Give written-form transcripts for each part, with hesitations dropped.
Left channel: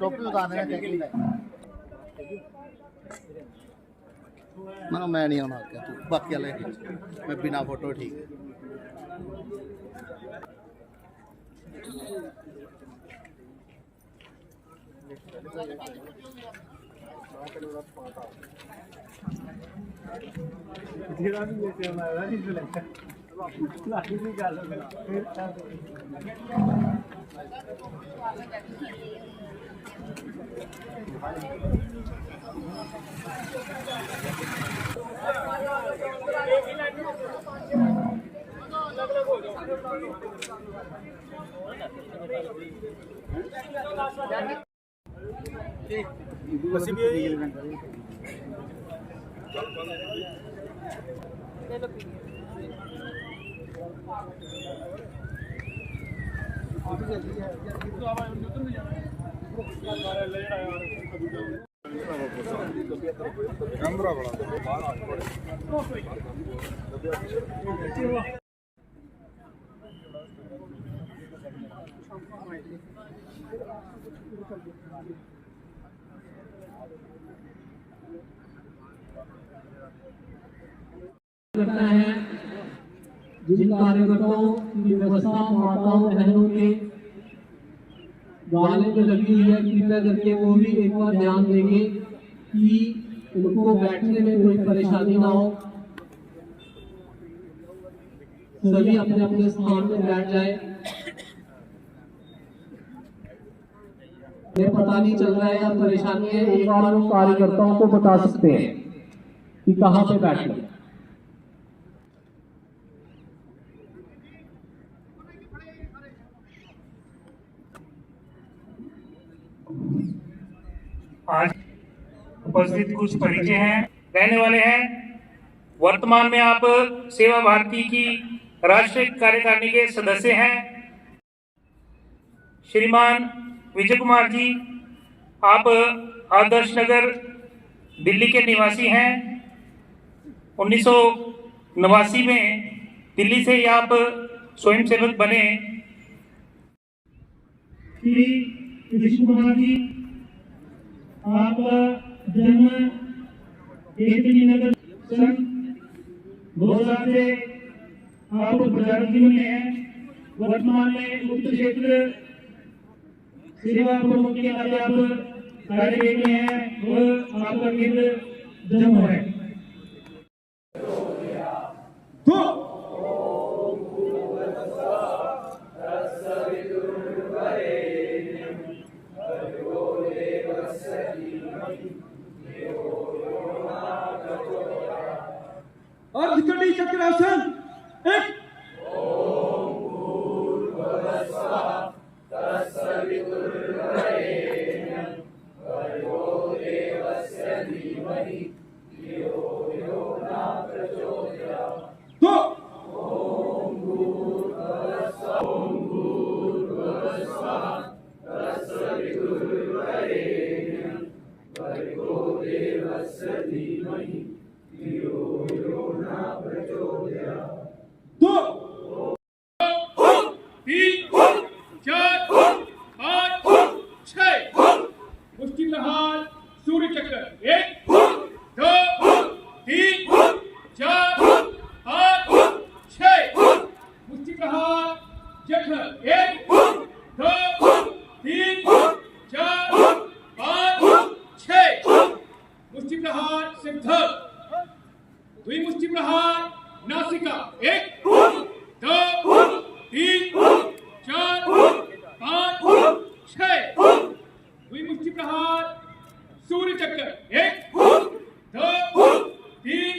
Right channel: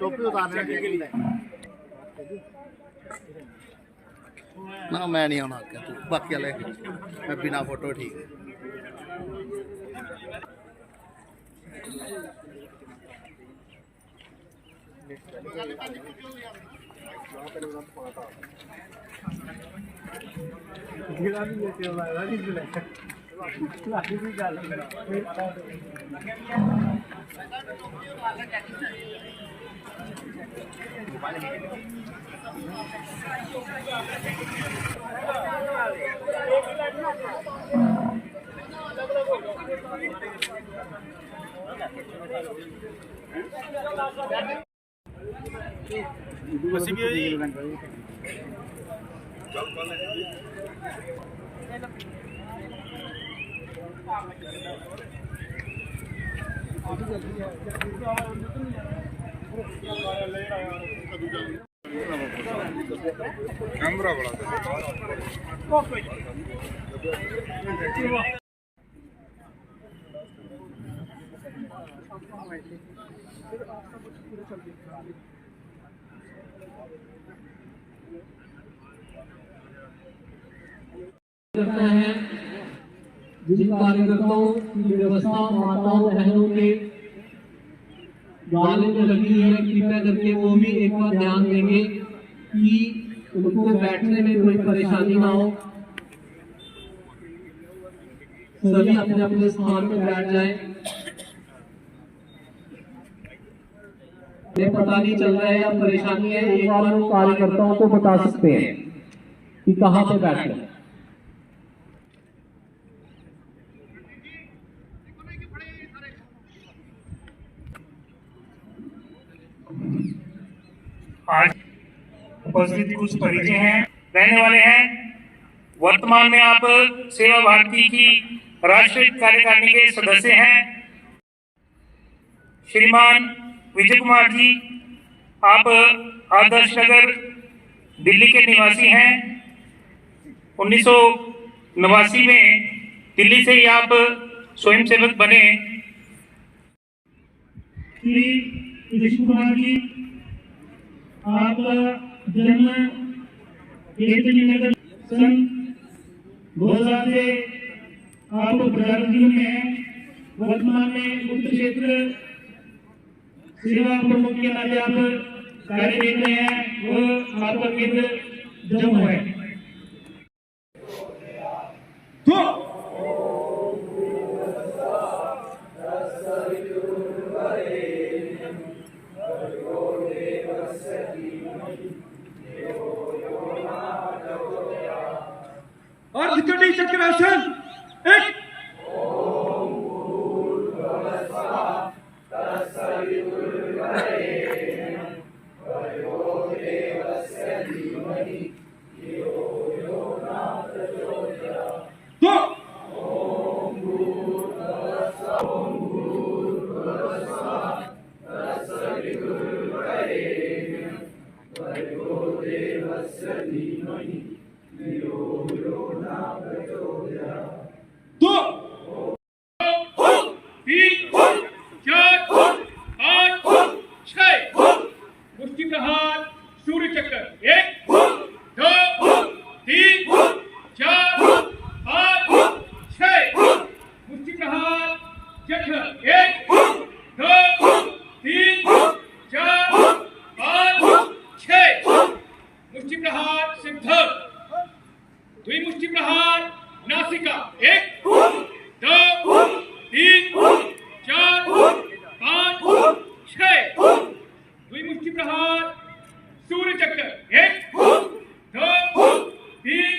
टोपी उतारने ना मैं नहीं आना क्या तू बाकी वाले मैं बिना फोटो ठीक है। कैमरा बड़ा करता है। जिन कार्यकर्ताओं की व्यवस्था माताओं बहनों के गाले में लगी है, कृपया करके वो भी एक बार ध्यान देंगे कि उनको बैठने में कोई परेशानी ना हो। सभी अपने अपने स्थान पर बैठ जाए। पता नहीं चल रहा है या परेशानी है, एक बार हम कार्यकर्ताओं को बता सकते हैं कि कहाँ पे बैठना। आज उपस्थित कुछ परिचय हैं, रहने वाले हैं। वर्तमान में आप सेवा भारती की राष्ट्रीय कार्यकारिणी के सदस्य हैं। श्रीमान विजय कुमार जी, आप आदर्श नगर दिल्ली के निवासी हैं। 1989 में दिल्ली से ही आप स्वयं सेवक बने। श्री कृष्ण कुमार जी, आपका जन्म नगर सन 2000 से आप प्रचारक जीवन में हैं। वर्तमान में उत्तर क्षेत्र सेवा प्रमुख के नाते आप कार्य देख रहे हैं। वो आपका केंद्र जम्मू है। और त्रिकटी चक्रासन एक सूर्य चक्र 1 2 3 4 5 6 मुष्टि प्रहार जठर 1 2 3 4 5 6 मुष्टि प्रहार सिद्धर द्विमुष्टि प्रहार नासिका 1 2 3 4 5 6 द्विमुष्टि प्रहार सूर्य चक्र 1 2 3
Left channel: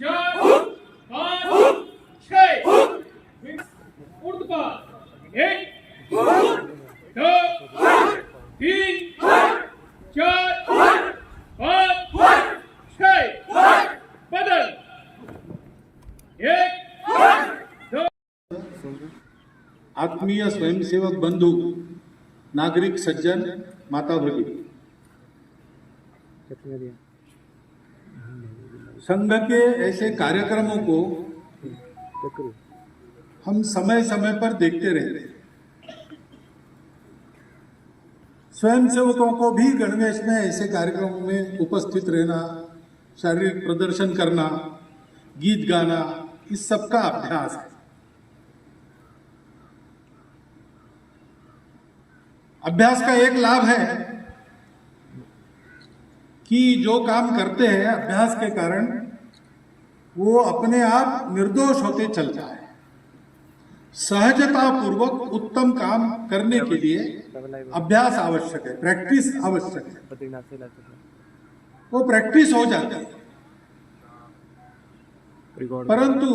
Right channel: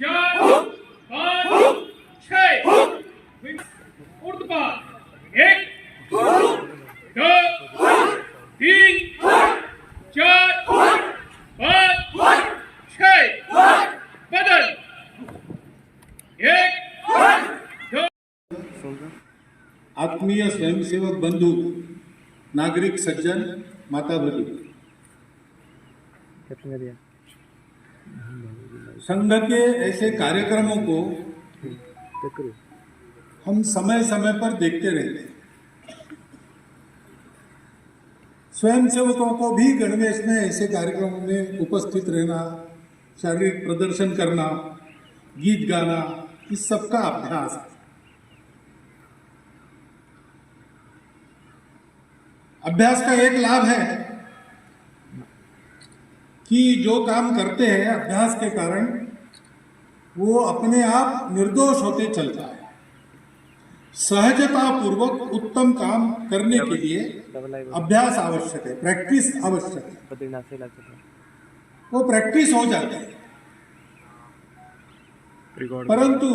4 5 6 ऊर्ध्वपाद 1 2 3 4 5 6 बदल 1 2। आत्मीय स्वयंसेवक बंधु, नागरिक सज्जन, माता भगिनी, संघ के ऐसे कार्यक्रमों को हम समय समय पर देखते रहते हैं। स्वयंसेवकों को भी गणवेश में ऐसे कार्यक्रमों में उपस्थित रहना, शारीरिक प्रदर्शन करना, गीत गाना, इस सब का अभ्यास है। अभ्यास का एक लाभ है कि जो काम करते हैं अभ्यास के कारण वो अपने आप निर्दोष होते चलता है। सहजता पूर्वक उत्तम काम करने के लिए अभ्यास आवश्यक है, प्रैक्टिस आवश्यक है। वो प्रैक्टिस हो जाती है, परंतु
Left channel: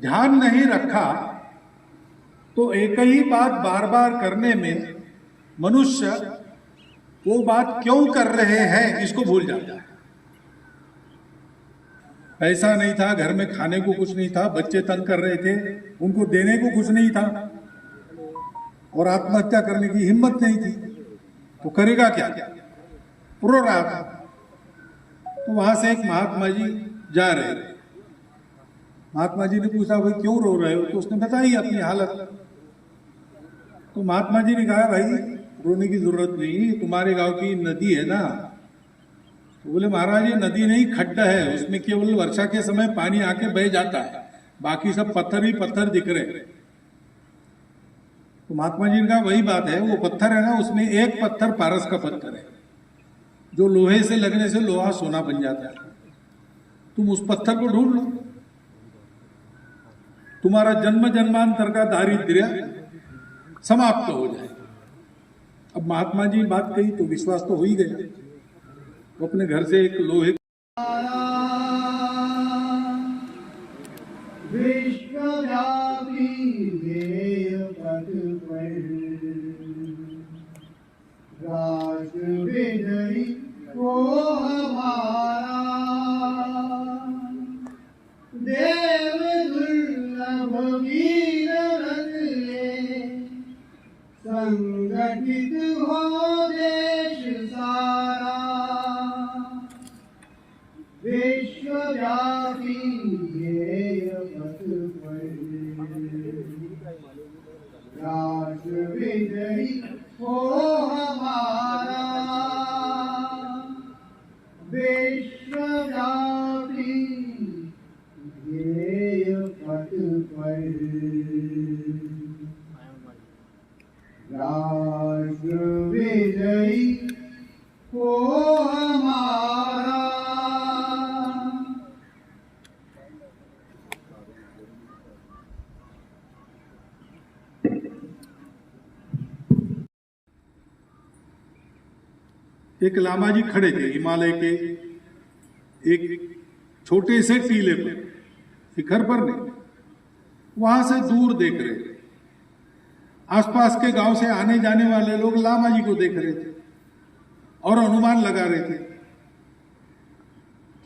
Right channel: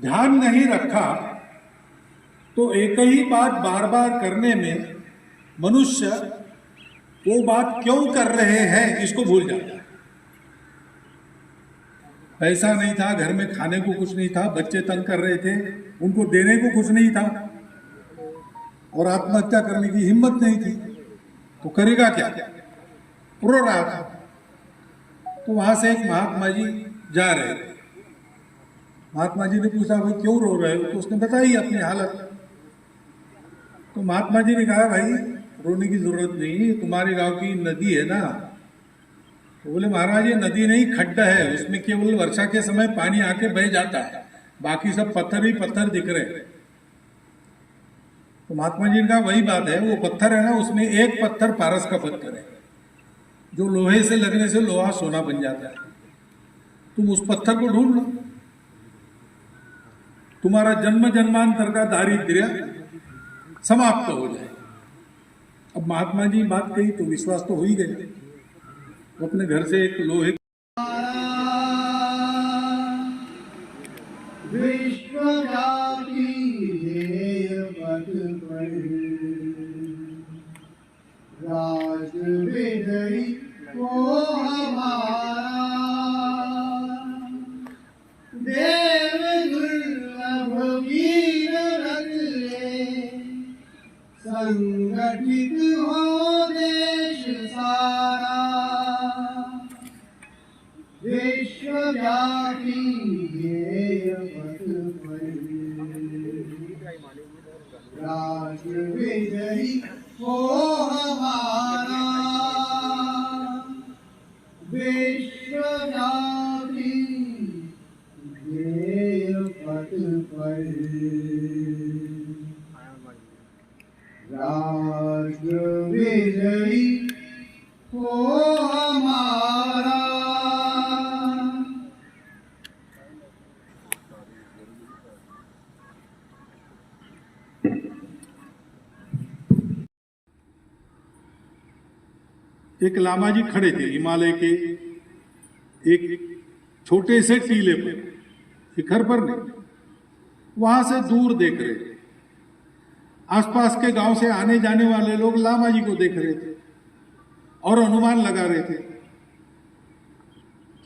ध्यान नहीं रखा तो एक ही बात बार बार करने में मनुष्य वो बात क्यों कर रहे हैं इसको भूल जाता है। पैसा नहीं था, घर में खाने को कुछ नहीं था, बच्चे तंग कर रहे थे, उनको देने को कुछ नहीं था और आत्महत्या करने की हिम्मत नहीं थी, तो करेगा क्या? रो रहा था। तो वहां से एक महात्मा जी जा रहे थे। महात्मा जी ने पूछा, भाई क्यों रो रहे हो? तो उसने बताई अपनी हालत। तो महात्मा जी ने कहा, भाई रोने की जरूरत नहीं, तुम्हारे गांव की नदी है ना। तो बोले, महाराज ये नदी नहीं, खड्डा है, उसमें केवल वर्षा के समय पानी आके बह जाता है, बाकी सब पत्थर ही पत्थर दिख रहे हैं। तो महात्मा जी ने कहा, वही बात है, वो पत्थर है ना, उसमें एक पत्थर पारस का पत्थर है, जो लोहे से लगने से लोहा सोना बन जाता है। तुम उस पत्थर को ढूंढ लो, तुम्हारा जन्म जन्मांतर का दारिद्र्य समाप्त हो जाए। अब महात्मा जी बात कही तो विश्वास तो हो ही गया। वो अपने घर से एक लोहे विश्वव्यापी ध्येय पथ पर राष्ट्र विजयी वो हमारा देव दुर्लभ वीर रथ ले संगठित हो देश सारा विश्वव्यापी ध्येय पथ पर राष्ट्र विजयी हो हमारा विश्वव्यापी ध्येय पथ पर राष्ट्र विजयी हो हमारा। एक लामा जी खड़े थे हिमालय के एक छोटे से टीले पर, शिखर पर नहीं, वहां से दूर देख रहे थे। आसपास के गांव से आने जाने वाले लोग लामा जी को देख रहे थे और अनुमान लगा रहे थे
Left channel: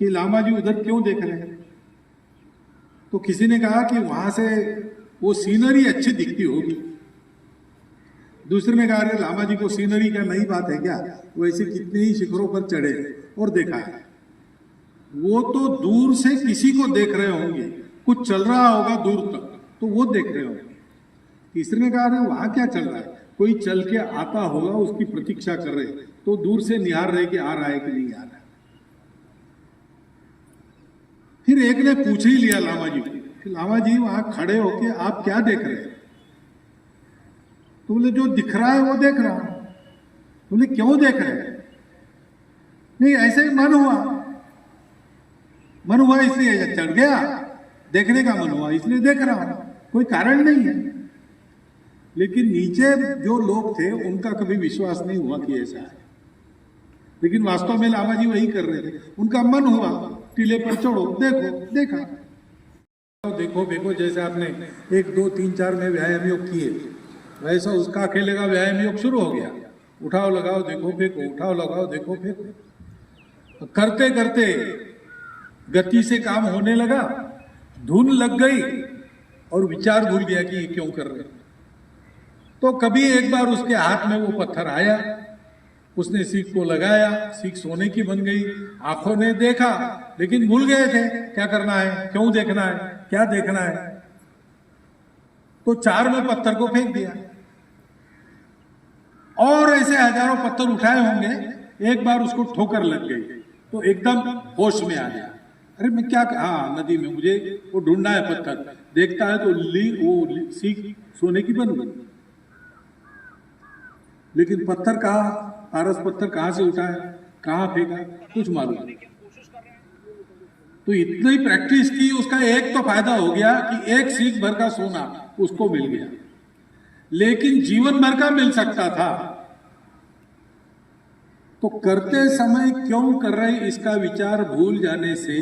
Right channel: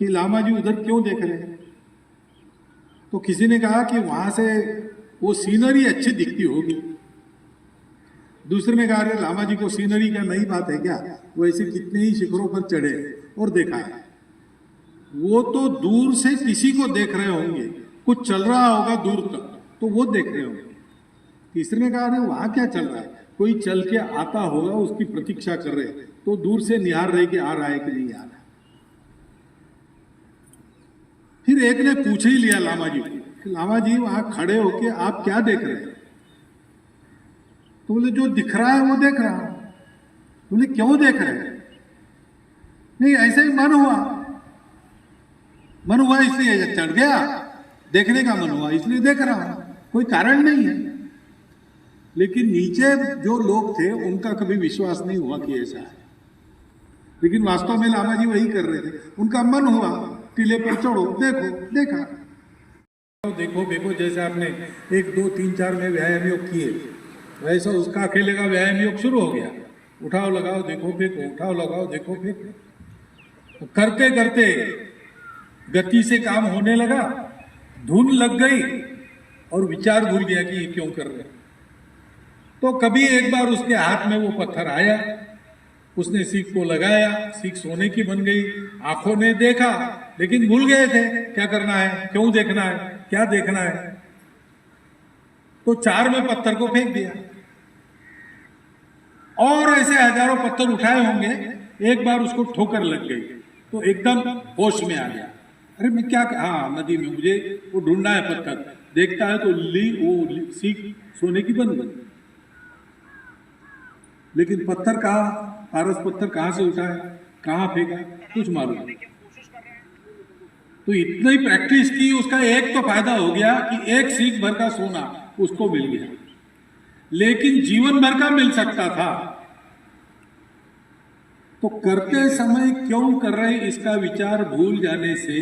कि लामा जी उधर क्यों देख रहे हैं। तो किसी ने कहा कि वहां से वो सीनरी अच्छी दिखती होगी। दूसरे ने कहा, अरे लामा जी को सीनरी का नई बात है क्या, वो ऐसे कितने ही शिखरों पर चढ़े और देखा है। वो तो दूर से किसी को देख रहे होंगे, कुछ चल रहा होगा दूर तक, तो वो देख रहे होंगे। तीसरे ने कहा, अरे वहां क्या चल रहा है, कोई चल के आता होगा, उसकी प्रतीक्षा कर रहे, तो दूर से निहार रहे कि आ रहा है कि नहीं आ रहा। फिर एक ने पूछ ही लिया लामा जी को, लामा जी वहां खड़े होके आप क्या देख रहे हैं? तो बोले, जो दिख रहा है वो देख रहा हूं। बोले, क्यों देख रहे हैं? नहीं, ऐसे ही मन हुआ इसलिए चढ़ गया, देखने का मन हुआ इसलिए देख रहा हूं, कोई कारण नहीं है। लेकिन नीचे जो लोग थे उनका कभी विश्वास नहीं हुआ कि ऐसा है, लेकिन वास्तव में लामा जी वही कर रहे थे। उनका मन हुआ, टीले पर चढ़ो, देखो, देखा। देखो देखो, जैसे आपने 1 2 3 4 में व्यायाम योग किए, वैसा उसका अकेले का व्यायाम योग शुरू हो गया। उठाओ लगाओ देखो फेंको, उठाओ लगाओ देखो फेंको। करते करते गति से काम होने लगा, धुन लग गई और विचार भूल गया कि ये क्यों कर रहे। तो कभी एक बार उसके हाथ में वो पत्थर आया, उसने सीख को लगाया, सीख सोने की बन गई। आंखों ने देखा लेकिन भूल गए थे क्या करना है, क्यों देखना है, क्या देखना है। तो 4 में पत्थर को फेंक दिया और ऐसे हजारों पत्थर उठाए होंगे, एक बार उसको ठोकर लग गई तो एकदम होश में आ गया, अरे मैं क्या, हाँ नदी में मुझे वो ढूंढना है पत्थर, देखता है तो सीख सोने की बन गई। लेकिन पत्थर कहाँ, पारस पत्थर कहाँ से उठाया, कहाँ फेंका, कुछ मालूम नहीं। तो इतनी प्रैक्टिस की, उसका एक तो फायदा हो गया कि एक सीख भर का सोना उसको मिल गया, लेकिन जीवन भर का मिल सकता था। तो करते समय क्यों कर रहे, इसका विचार भूल जाने से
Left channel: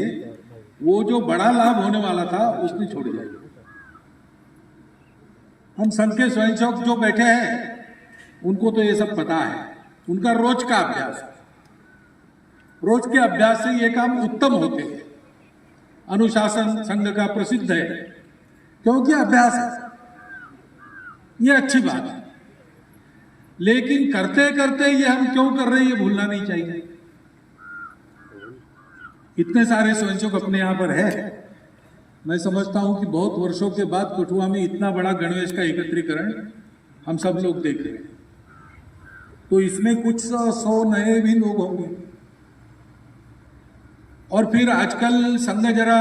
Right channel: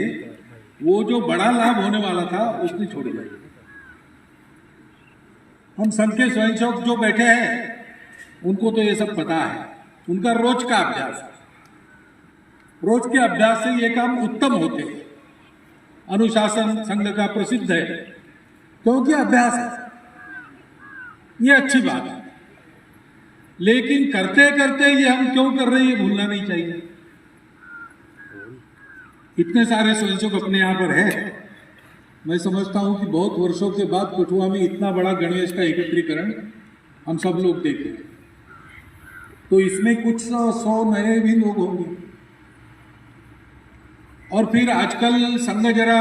वो जो बड़ा लाभ होने वाला था उसने छोड़ दिया। हम संघ के स्वयंसेवक जो बैठे हैं उनको तो ये सब पता है, उनका रोज का अभ्यास है, रोज के अभ्यास से ये काम उत्तम होते हैं। अनुशासन संघ का प्रसिद्ध है क्योंकि अभ्यास है, ये अच्छी बात है। लेकिन करते करते ये हम क्यों कर रहे हैं ये भूलना नहीं चाहिए। इतने सारे स्वयंसेवक अपने यहां पर है, मैं समझता हूं कि बहुत वर्षों के बाद कठुआ में इतना बड़ा गणवेश का एकत्रीकरण हम सब लोग देख रहे हैं। तो इसमें कुछ 100 नए भी लोग होंगे। और फिर आजकल संघ जरा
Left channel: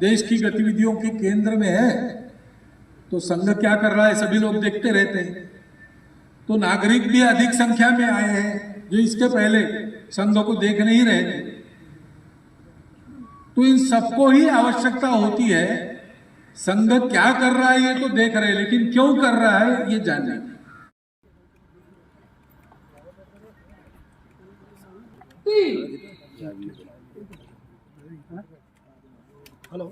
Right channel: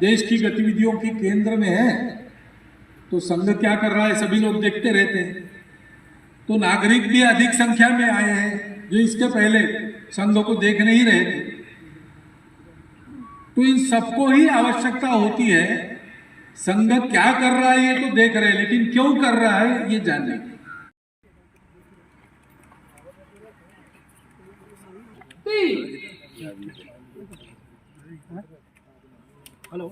देश की गतिविधियों के केंद्र में है, तो संघ क्या कर रहा है सभी लोग देखते रहते हैं। तो नागरिक भी अधिक संख्या में आए हैं जो इसके पहले संघ को देख नहीं रहे थे। तो इन सबको ही आवश्यकता होती है, संघ क्या कर रहा है ये तो देख रहे हैं, लेकिन क्यों कर रहा है ये जानने की। हेलो,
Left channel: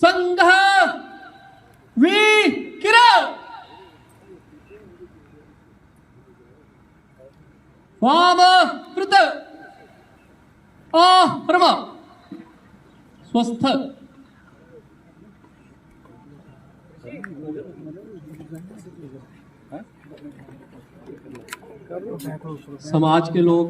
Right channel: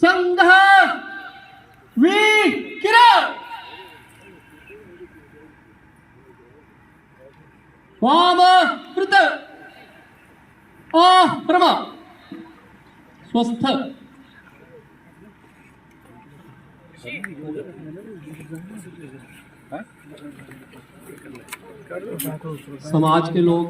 संघ विकिरण स्वाम कृत आश्रम स्वस्थ। समाज के लोग